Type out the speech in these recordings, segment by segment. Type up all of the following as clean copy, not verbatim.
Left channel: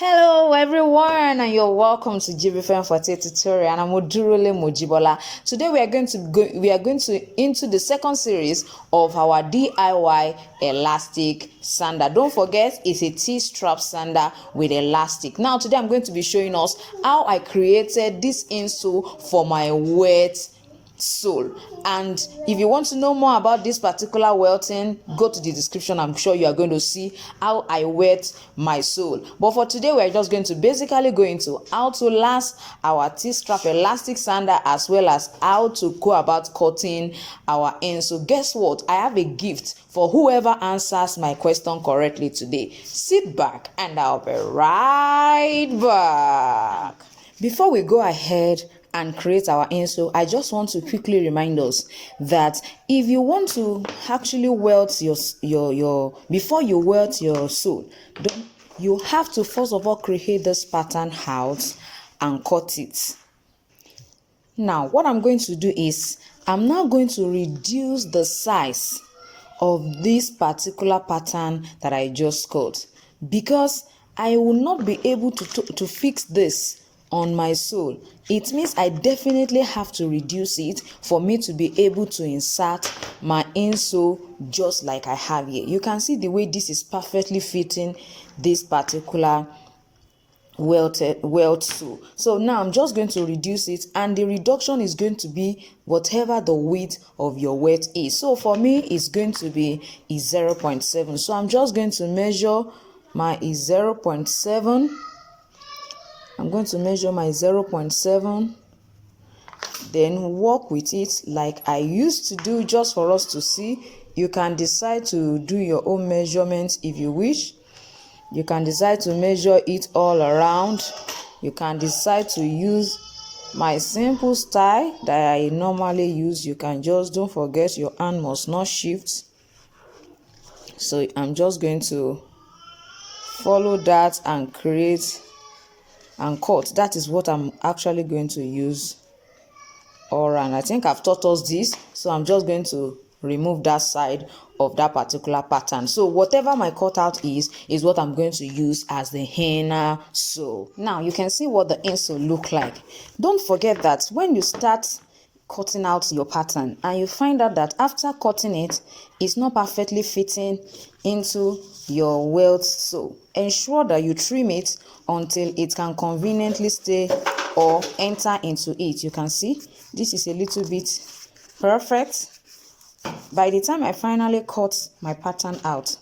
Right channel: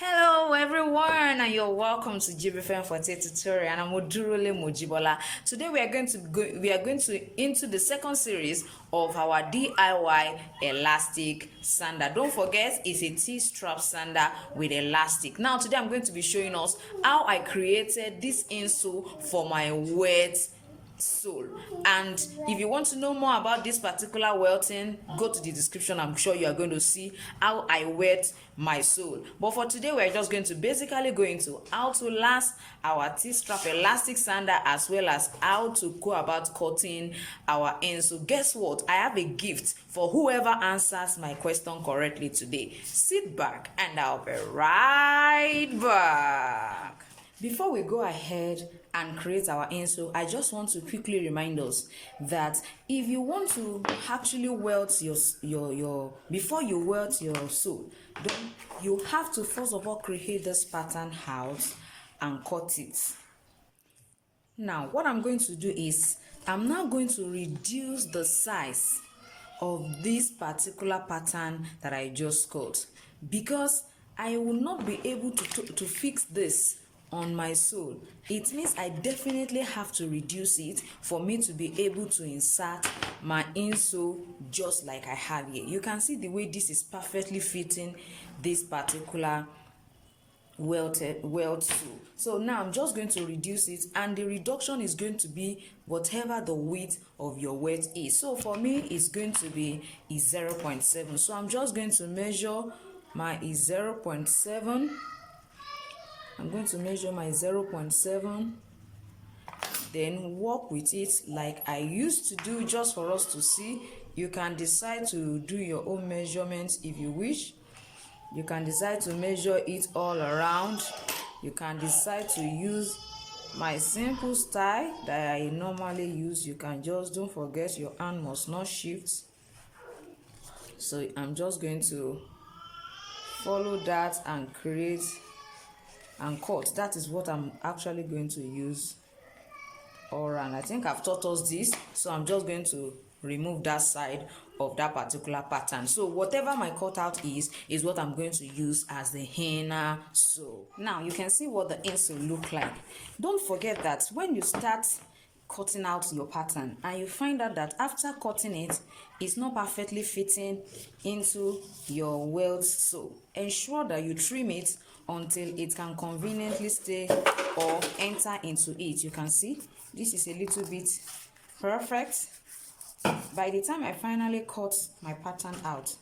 Hello everyone, and you're welcome to Jibbyfem Forte tutorial, and I'm Odurole Mojibola. Today we are going to into the second series of our DIY elastic sandal. Don't forget, it's a T-strap sandal with elastic. Now today I'm going to be showing us how I created this insole for my wet sole. And if you want to know more about this particular welting, go to the description. I'm sure you are going to see how I wet my sole. But for today, we're just going to basically go into how to last our T-strap elastic sandal, as well as how to go about cutting our insole. Guess what? I have a gift for whoever answers my question correctly today. Sit back and I'll be right back. Before we go ahead and create our insole, I just want to quickly remind us that if you want to actually welt your before you welt your sole, you have to first of all create this pattern out and cut it. Now what I'm going to do is I'm now going to reduce the size of this particular pattern that I just cut, because I will not be able to fix this on my sole. It means I definitely have to reduce it for me to be able to insert my insole just like I have here. You can see the way this is perfectly fitting this particular welt sole. So now I'm just going to reduce it, and the reduction is going to be whatever the width of your welt is. So for me it's going to be 0.7. So I'm just going to measure my 0.7. I'm going to measure my 0.7, then work with it like I used to do, just for us to see. You can decide to do your own measurements if you wish. You can decide to measure it all around. You can decide to use my simple style that I normally use. You can just, don't forget, your hand must not shift. So I'm just going to follow that and create and cut. That is what I'm actually going to use all around. I think I've taught us this, so I'm just going to remove that side of that particular pattern. So whatever my cutout is what I'm going to use as the inner sole. Now you can see what the insole look like. Don't forget that when you start cutting out your pattern and you find out that after cutting it, it's not perfectly fitting into your welt sole, ensure that you trim it until it can conveniently stay or enter into it. You can see this is a little bit perfect. By the time I finally cut my pattern out,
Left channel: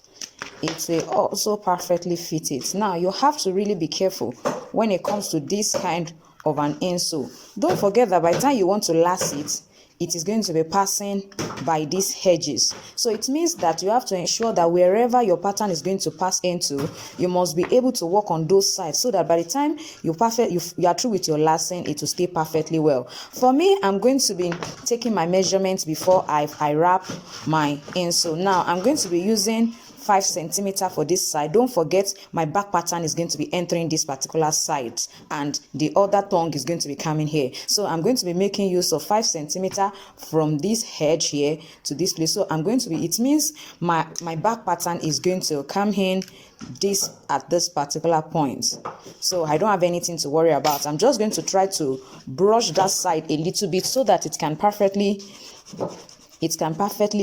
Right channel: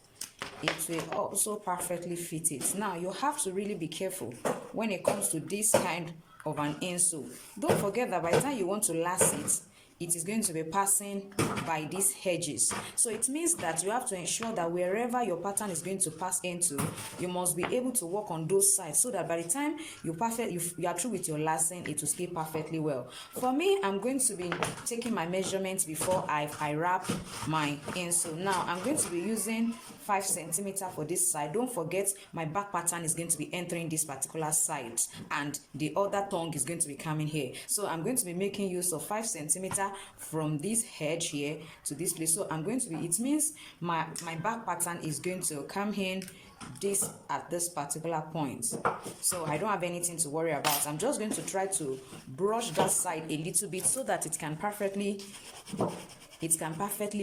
it will also perfectly fit it. Now you have to really be careful when it comes to this kind of an insole. Don't forget that by the time you want to last it, it is going to be passing by these edges. So it means that you have to ensure that wherever your pattern is going to pass into, you must be able to work on those sides, so that by the time you are through with your lashing, it will stay perfectly well. For me, I'm going to be taking my measurements before I wrap my insole. Now I'm going to be using 5 centimeters for this side. Don't forget, my back pattern is going to be entering this particular side, and the other tongue is going to be coming here. So I'm going to be making use of 5 centimeters from this edge here to this place. So I'm going to be, it means my back pattern is going to come in this at this particular point. So I don't have anything to worry about. I'm just going to try to brush that side a little bit so that it can perfectly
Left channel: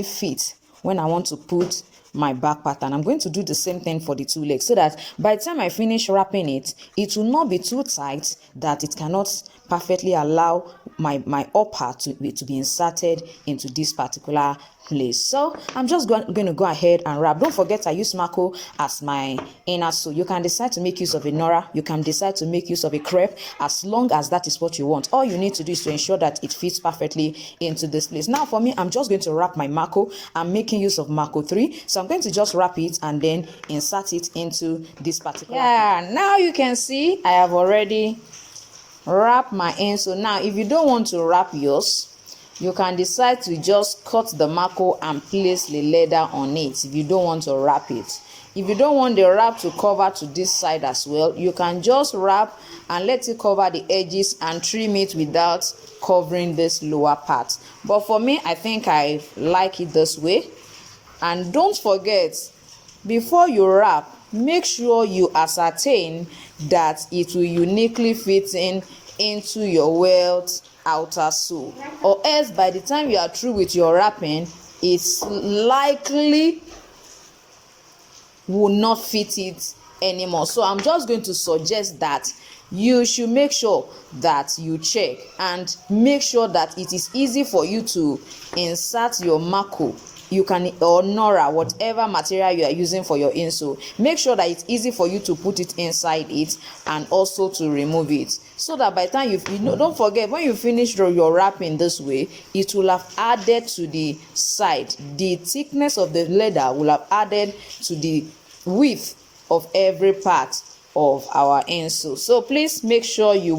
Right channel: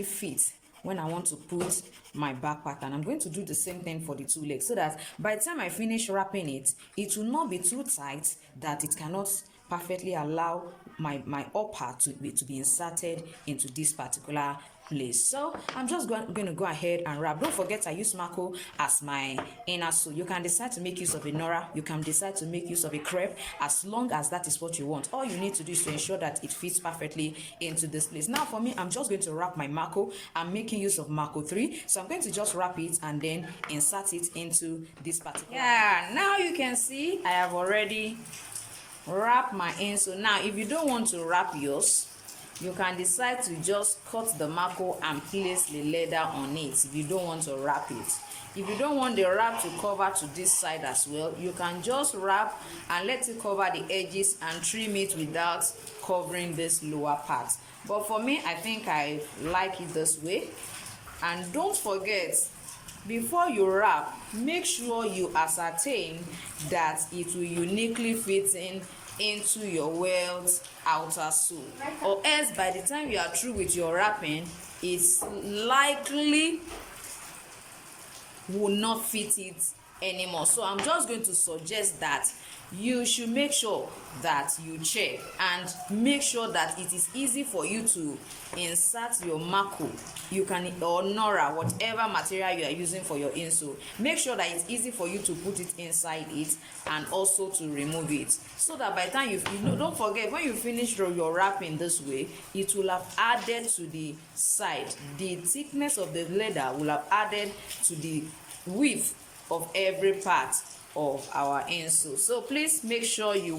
fit when I want to put my back pattern. I'm going to do the same thing for the two legs, so that by the time I finish wrapping it, it will not be too tight that it cannot perfectly allow my upper to be inserted into this particular place. So I'm just going to go ahead and wrap. Don't forget, I use Mako as my inner sole. You can decide to make use of a Nora, you can decide to make use of a crepe, as long as that is what you want. All you need to do is to ensure that it fits perfectly into this place. Now for me, I'm just going to wrap my Mako. I'm making use of Mako 3, so I'm going to just wrap it and then insert it into this particular now you can see I have already wrapped my insole. Now if you don't want to wrap yours, you can decide to just cut the Mako and place the leather on it if you don't want to wrap it. If you don't want the wrap to cover to this side as well, you can just wrap and let it cover the edges and trim it without covering this lower part. But for me, I think I like it this way. And don't forget, before you wrap, make sure you ascertain that it will uniquely fit into your welt outer sole, or else by the time you are through with your wrapping, it's likely will not fit it anymore. So I'm just going to suggest that you should make sure that you check and make sure that it is easy for you to insert your mako, you can, or nora, whatever material you are using for your insole. Make sure that it's easy for you to put it inside it and also to remove it, so that by the time you know, don't forget, when you finish your wrapping this way, it will have added to the side, the thickness of the leather will have added to the width of every part of our insole. So please make sure you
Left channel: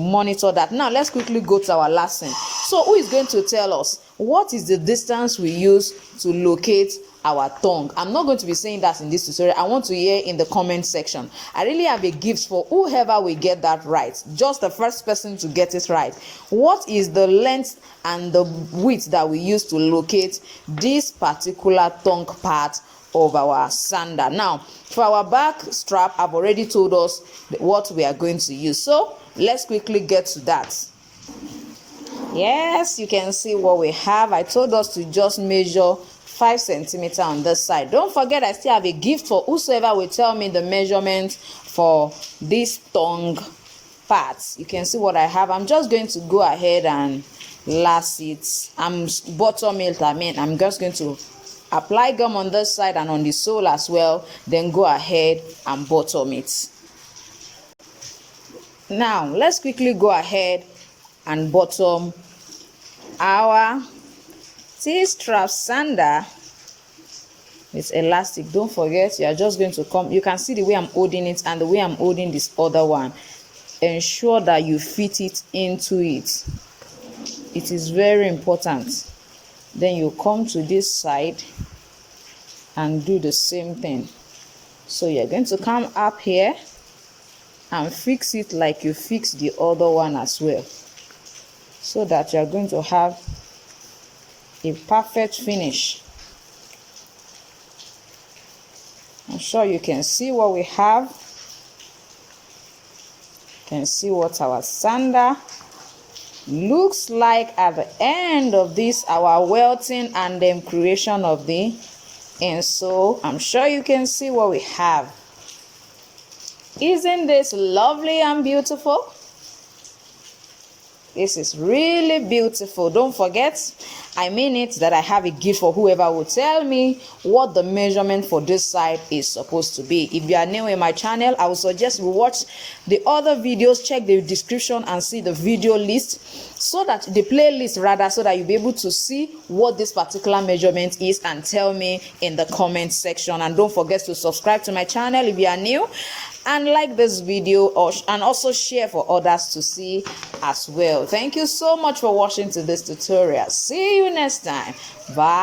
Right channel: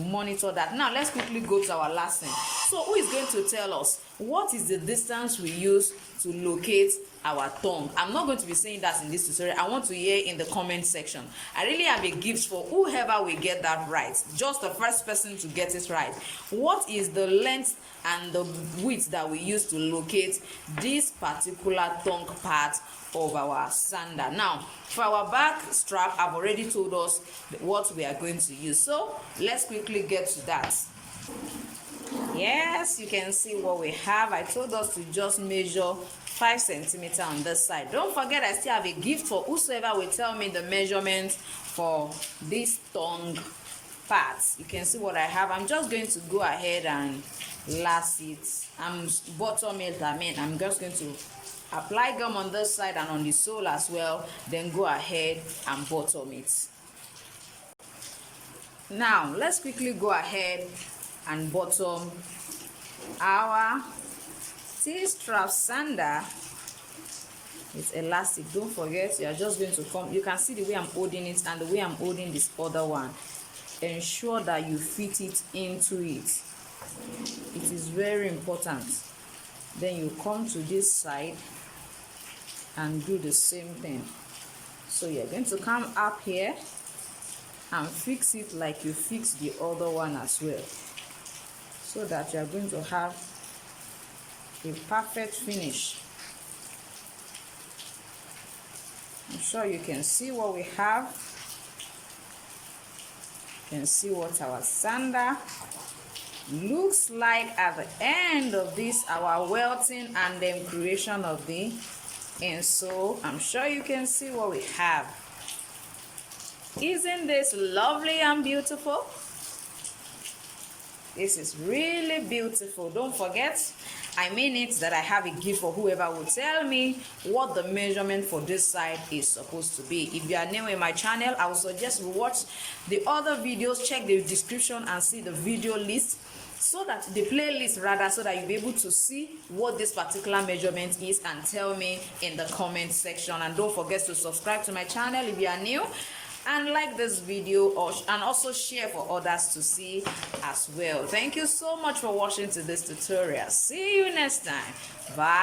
monitor that. Now let's quickly go to our last thing. So who is going to tell us what is the distance we use to locate our tongue? I'm not going to be saying that in this tutorial. I want to hear in the comment section. I really have a gift for whoever will get that right, just the first person to get it right. What is the length and the width that we use to locate this particular tongue part of our sandal? Now for our back strap, I've already told us what we are going to use, so let's quickly get to that. Yes, you can see what we have. I told us to just measure 5 centimeters on this side. Don't forget, I still have a gift for whosoever will tell me the measurement for this tongue parts. You can see what I have. I'm just going to go ahead and lace it. I'm just going to apply gum on this side and on the sole as well, then go ahead and bottom it. Now let's quickly go ahead and bottom our T-strap sandal with elastic. Don't forget, you are just going to come, you can see the way I'm holding it and the way I'm holding this other one. Ensure that you fit it into it. It is very important. Then you come to this side and do the same thing. So you're going to come up here and fix it like you fix the other one as well, so that you're going to have a perfect finish. I'm sure you can see what we have. You can see what our sandal looks like at the end of this, our welting and then creation of the insole. I'm sure you can see what we have. Isn't this lovely and beautiful? This is really beautiful. Don't forget, I mean it, that I have a gift for whoever will tell me what the measurement for this side is supposed to be. If you are new in my channel, I would suggest you watch the other videos, check the description and see the video list, so that the playlist rather, so that you'll be able to see what this particular measurement is and tell me in the comment section. And don't forget to subscribe to my channel if you are new, and like this video, and also share for others to see as well. Thank you so much for watching to this tutorial. See you next time. Bye.